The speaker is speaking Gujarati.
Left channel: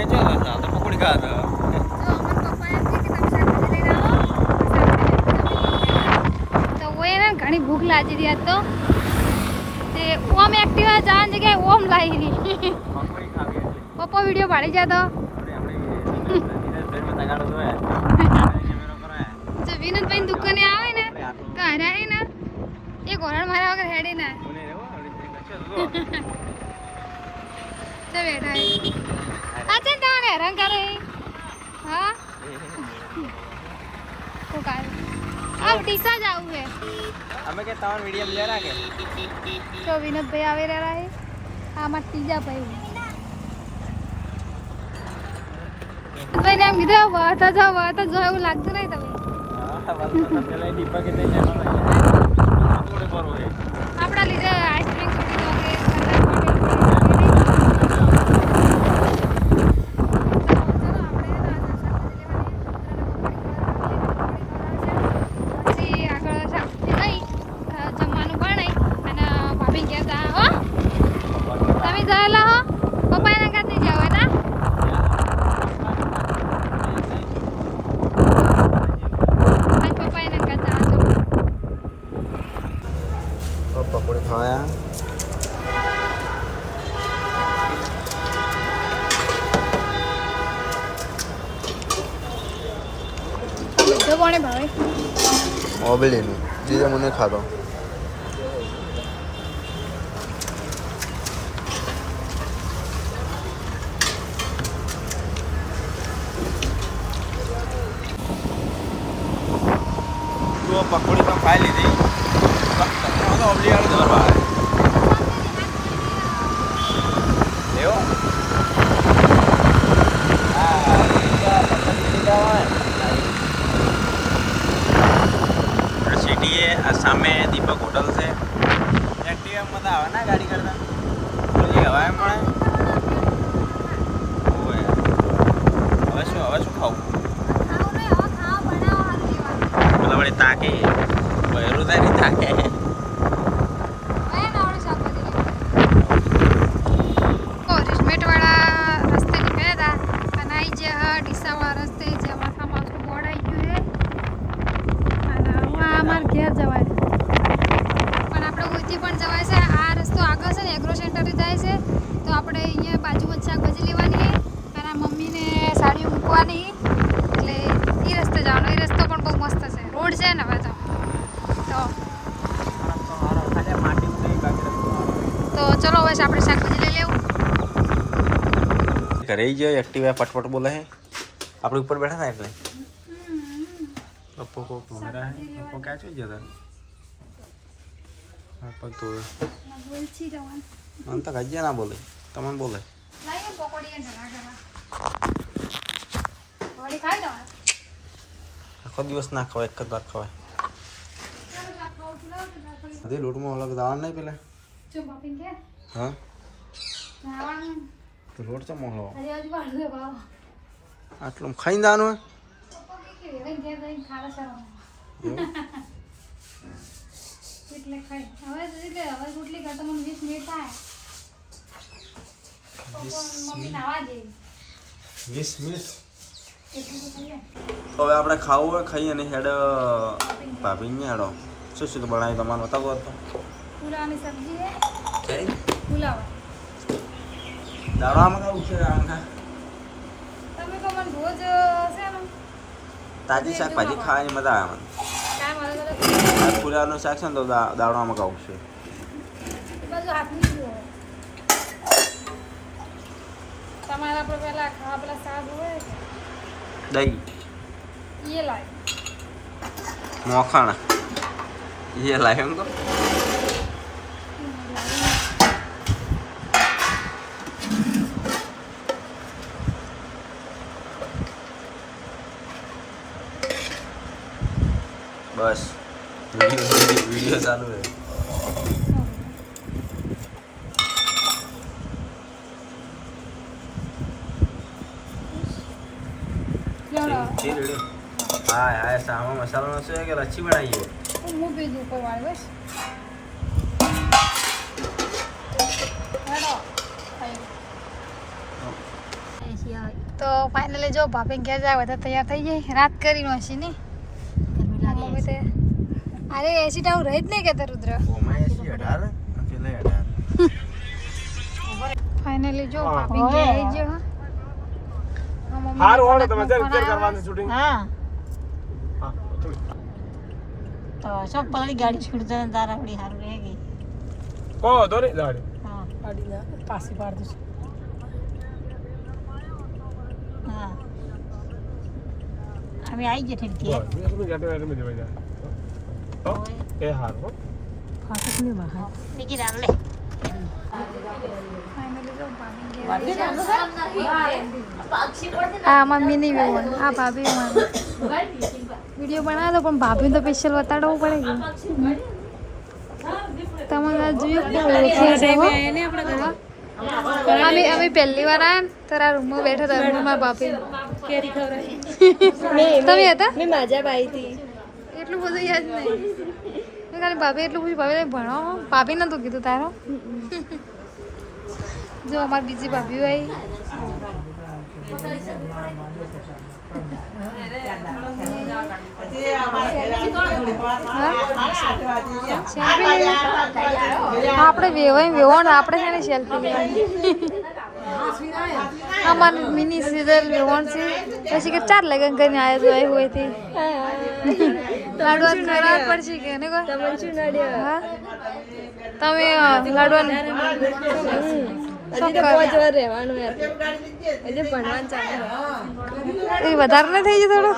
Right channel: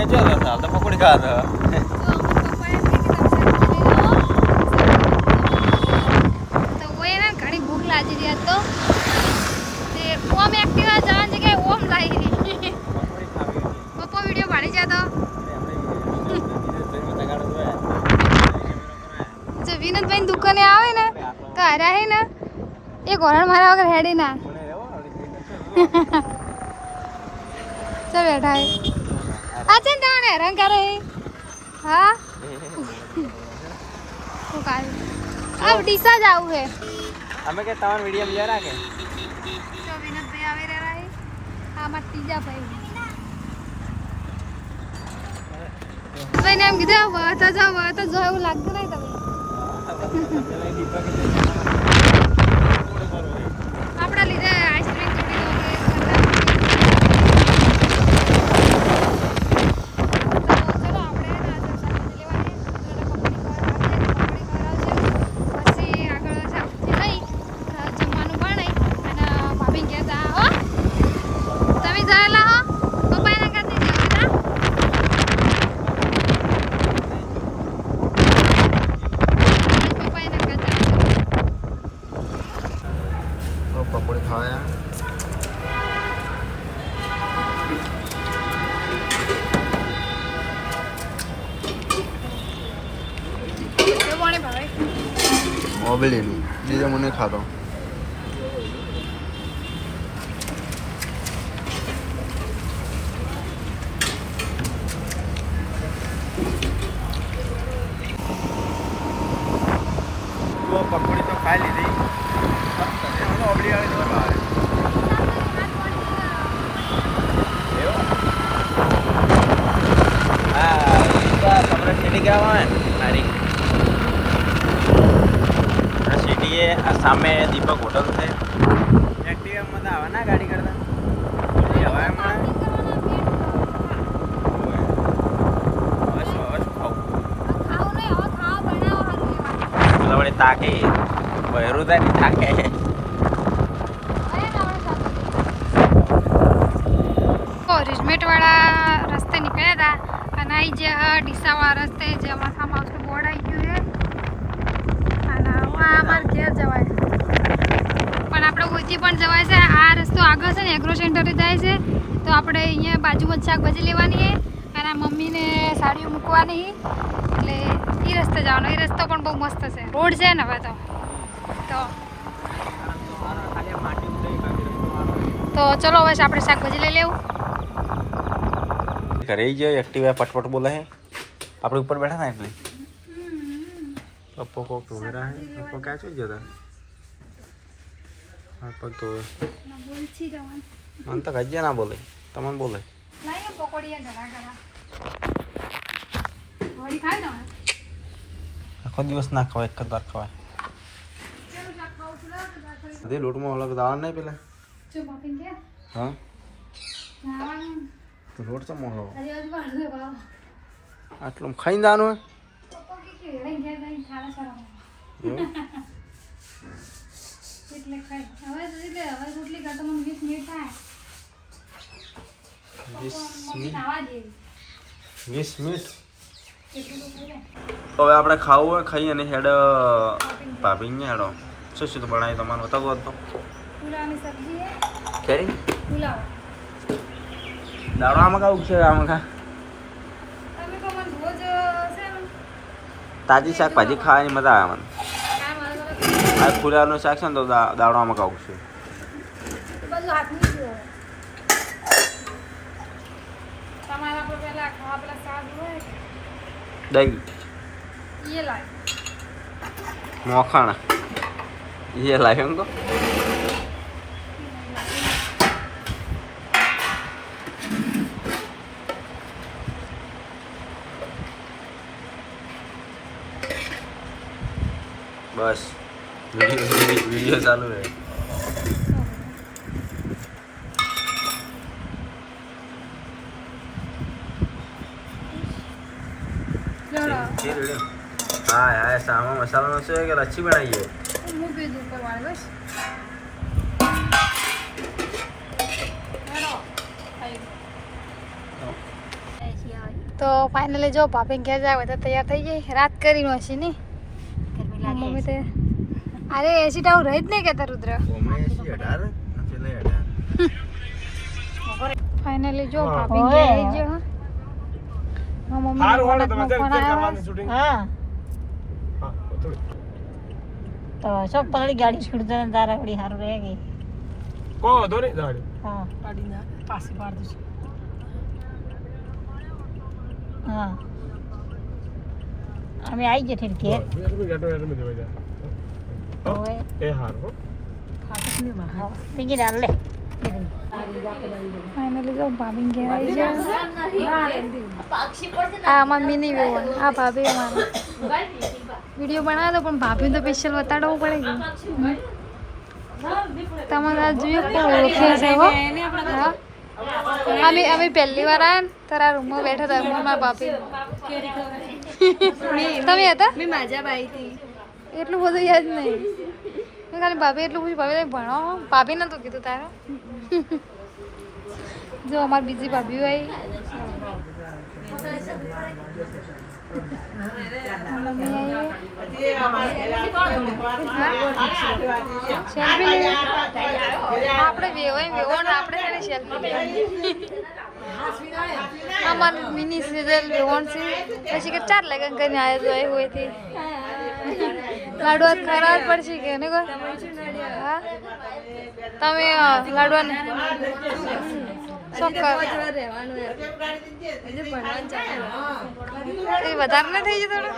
ये जो है साल तो पकड़ का था जो अमन पप्पा है कि તમે શાકભાજી લઈને આવો તો ઓય ને ઘણી ભૂખ લાગી રહી હતો તે ઓમ એક્ટિવા જાન જગ્યાએ ઓમ લાવી पकड़ी खावी પપ્પા વિડિયો પાડી જાતો જો વિનોદભાઈ દુકાને આવે ને તો હારા હે ને એક ઓરડ મારા વગર હેડી ના ચલ બેઠા હે अच्छा दान है रंग करे हाँ को काय अब डीसा जाऊ है हमें के तमन वीडियो में जाना के जो विनोद भाई आवे रह रहा है हां मत तीजा भाई भाई नाम किधर हुआ था जो એવું લાગતું નહીં તમે પેલા દીપા કે આપડા લીધે આઈસ્ક્રીમ पकौड़े खाया जो बने भाई ओबेलेनु जीजा मने खातो तो पकौड़ी तो खा लीजिए ओबली वाली धर बाहर सामने दीपक होटल से एटीएम में आवे ना गाड़ी करता बोली हवा अवश्य खाओ खाओ नहीं हो खाओ बनाओ मतलब बड़े ताके बहरूदारी ताके रिजमेट वाला रस्ते निकले था અને અહીં જે ડીસા વાળા રસ્તે જે અમારા ફાર્મ હાઉસનું બોર્ડ આવી ગયું છે અને અમારે ઘેર જવાય પણ આપણે ઓછી પણ જવાય છે આ રસ્તો આગળ છે ને એગ્રો સેન્ટરે જાય છે તો આપણે અહીંયા બાજુમાં શાકભાજી લેવાની છે અને આ મમ્મીને સાડીઓ મૂકવાની એટલે એ રસ્તે જવાનો એ રસ્તો પણ બહુ મસ્ત છે રોડ છે ને હવે તો ચલો હવે આપણે શાકભાજી લઈ લેવું घरे ही जो एक्टिवा पटपट बोला है आप ऊपर बैठा था अपने पप्पो को घूम रहा है पप्पो क्या चाहिए था पप्पो तो मन तो गज्जा ना बोले तमन बोले आखो दिवस ना खवा एक बार खवा अरे लोट में अलग दाल नहीं पहले हाँ तो लोट से मोहलो आटलम खाई दानो है એટલે ખાઈ હવે એટલે હવે રોટલી કરતો મને 20 મિનિટ થાય 20 મિનિટ હવે આપણે ખાવું હોય ખાઈ અને હેડ ભાભીને હેડો શું શું બનાવી તમારે બતાવો તો પુલાવની સબ્જી છે કઈ પુલાવ દાડો આમાં કાવું છે આમાં ખા તમે કો મને રોજ છે ને તાજી શાકભાજી ખાવાની મજા આવે મને કામ અલગ આ ફુલાનું શાક છે ને તો દાડો આમાં કાવું છે બધું હાથની જો તમારા આપણે પેલા ખાવા પેલા શાક હોય દહીં ये लाए મોખાણા ये लाए हमको बस वीडियो चालू है हाँ यार सामा मसाला से अच्छी बनाई है मुंह पे ऊपर वाले बस हेलो आयो ऐसी आई તો ફાઇનલી જો ભાભી ઘેર જાય બધા તૈયાર થઈ જાય રાત કરી નો છે ને મમ્મી તે અરે એસી ટાઉ રહી જ નહીં કેતા રુદ્ર ફાઇનલી જો ભાભી ઘેર આવી ગયો હા મમ્મી ફોન આવ્યો હા તો સબ પાણી ગાડી છોડ દે દારાવડી હાર રહે ગઈ કો દોરી ગાડી હા ગાડી પાછી પાડ દે હા અમે આવી જઈએ ઠીક કે એ હાર હો બીજી ડાલ લે ફાઇનલી જો ભાભી ઘેર આવી ગયા આ અમાર મિની વેવન આ ભાભી અમારે વિડીયો બનાવ્યો તો પણ ભાભી તો સ્પેશિયલ બતાડવું પડે કે તમારે આ જોયું પણ ઓળખે છે હો હા અમે પહેલી વાર આવ્યા ને તારા રૂમમાં બેઠા હતા રૂમમાં ભાભી તમે હતા મેં માજા બાઈ હતી એટલું બધું યાદ નહીં મેં ખાલી ભાભી એટલું બધું ભાભી ભણો ભાભી નતું કીધું તારો જો અમારી બીજી ભાભી હોય આપણે વેવો ને આપણે છે ને સેલ્ફી લેવાની અમારે મિની સિઝર વેવણ છે પછી કે 4 લગન કરીને આવ્યા હોય થી લાડવા ખરા પડશે કે ને કોઈ હા તમે લાડવા એ વધારે ના થઈ જાય થોડું